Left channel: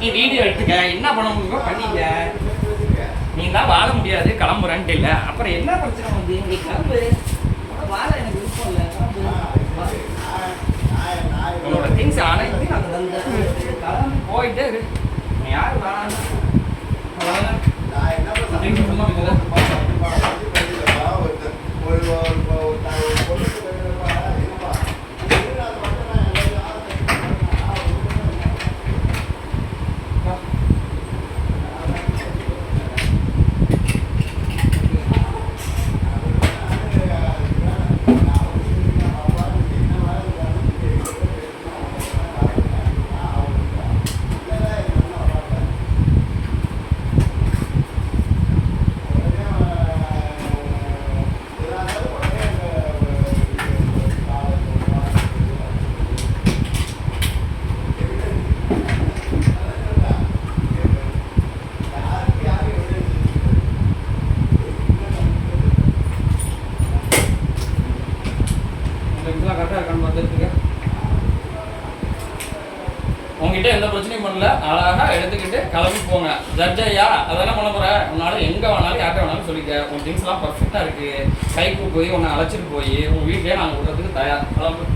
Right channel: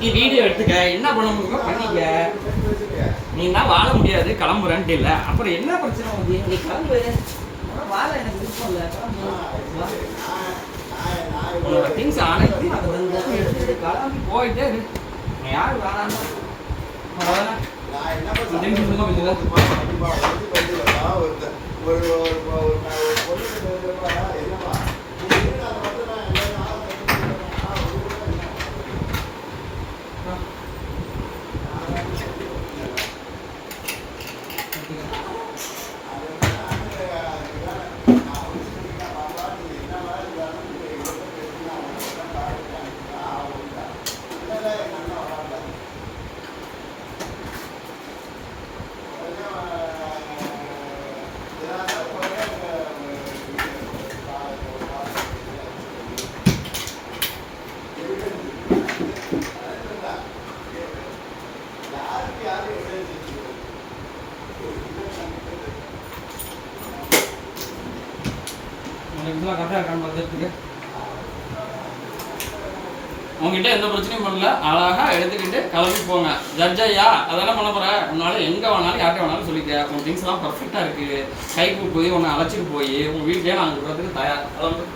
நீ வீடியோ எடுத்துக்க, என்ன பண்ண முடியுமோ பண்ணிக்க. நீ தான் வாழ முடியாது கிளம்புறன்ட்டு இல்லை, அப்புறம் என்ன பிரச்சனை வந்து நீ கிளம்பு. வாழ எனக்கு விருப்பம் இல்லை, கிளம்பு. உன்னோட திங்ஸ் அனைத்து அது வந்து கிளம்பி போயிட்டே இரு. நீ யார் வேணான்னு கரெக்டாக இருக்கான்னு பார்த்துட்டு உங்ககிட்ட எந்த பிரச்சனையும் பண்ணல, அழகாக எடுத்துக்கிட்டு கிளம்பி போங்க. ஜட்ஜையா அதென்ன பண்ண போகிற, உன்னால எங்கே வேணாலும் யார்கிட்ட வேணாலும் சொல்லிக்க. உன் திங்ஸ்லாம் பர்ஃபெக்டாக இருக்குது, கைக்கு போய் உன்னை அழைச்சிட்டு போய் உங்கள் வீட்லேயே நாங்கள் விடுறதுக்கு தயார். கிளம்பு.